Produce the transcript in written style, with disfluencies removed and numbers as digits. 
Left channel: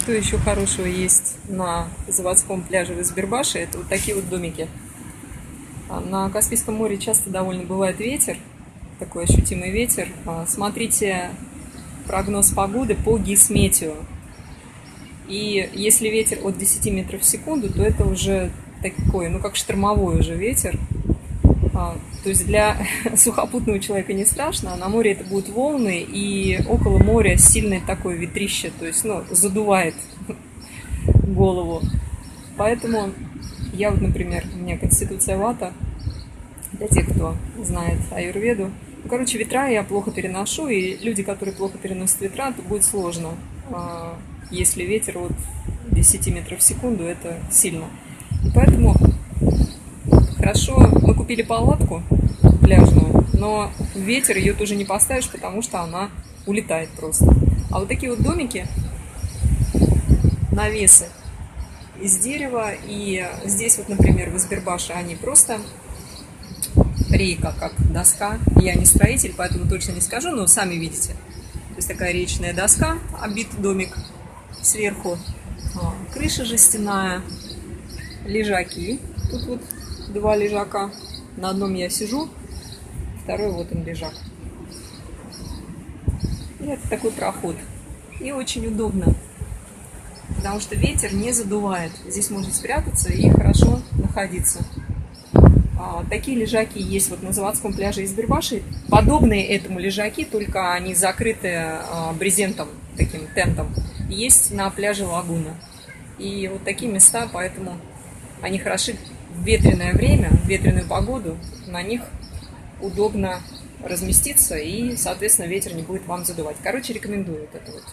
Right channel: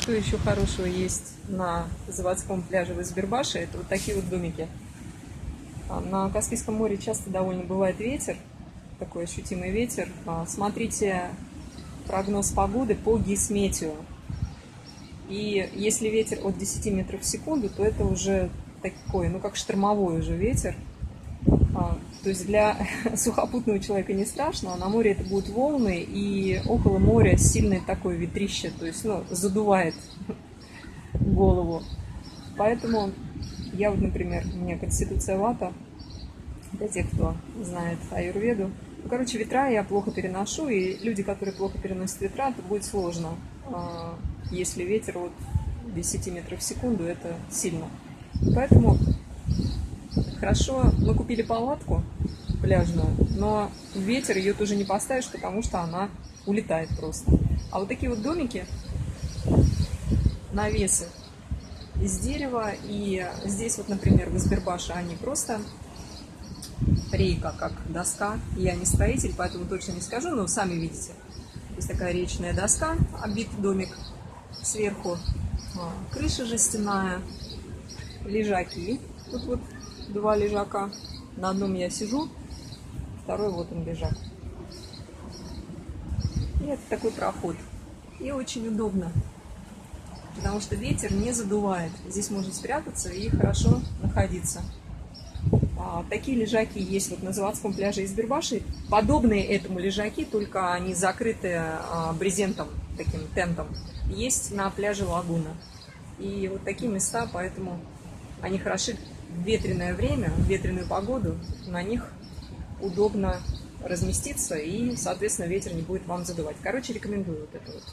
Что еще хорошего есть на заводском пляже в Избербаше? Это вот такие вот домики. На Каспийском море часто довольно бывает ветер, такой ощутимый ветер. Смотрите прогноз погоды по Гисметео. И если ветер от 10 метров в секунду, то это уже такой, ну как штормовой уже ветер. То есть для сухопутного человека не страшно, а на море это будут волны, и около моря сильное такое ветрище, то есть, задувает голову. Поэтому я, например, у меня конституция вата, для тех, кто знает аюрведу. Короче, ветра я плохо переношу, и люди, которые плохо переносят ветра, то будет сложно. Если ветер от 10 метров в секунду, это сильно. Поэтому хорошо, мы купили палатку пляжную, но ветер ее тоже не поставишь, потому что она улетает просто. А вот такие вот домики, навесы из дерева, и здесь вот, например, в Избербаше они просто рейка, как доска. Я не строитель, поэтому точно не скажу, но сами видите. То есть такая речная доска, обит домик сверху, крыша жестяная, лежаки. Тут вот два лежака. На одном я сижу, второй вот он лежак. И это такой проход. И очень удобно, потому что ветер не задувает. Здесь можно спрятаться и хорошо находиться. Такие лежаки есть вот на заводском пляже Избербаши. Подобные этому лежаки, только они закрыты брезентом, таким тентом, есть на пляже Лагуна. И вот такие места, поэтому они хороши в ветреное время, в ветреную погоду. На них удобно разместиться, и, соответственно, ветер не будет вам задувать. Короче, рекомендую вот это вот.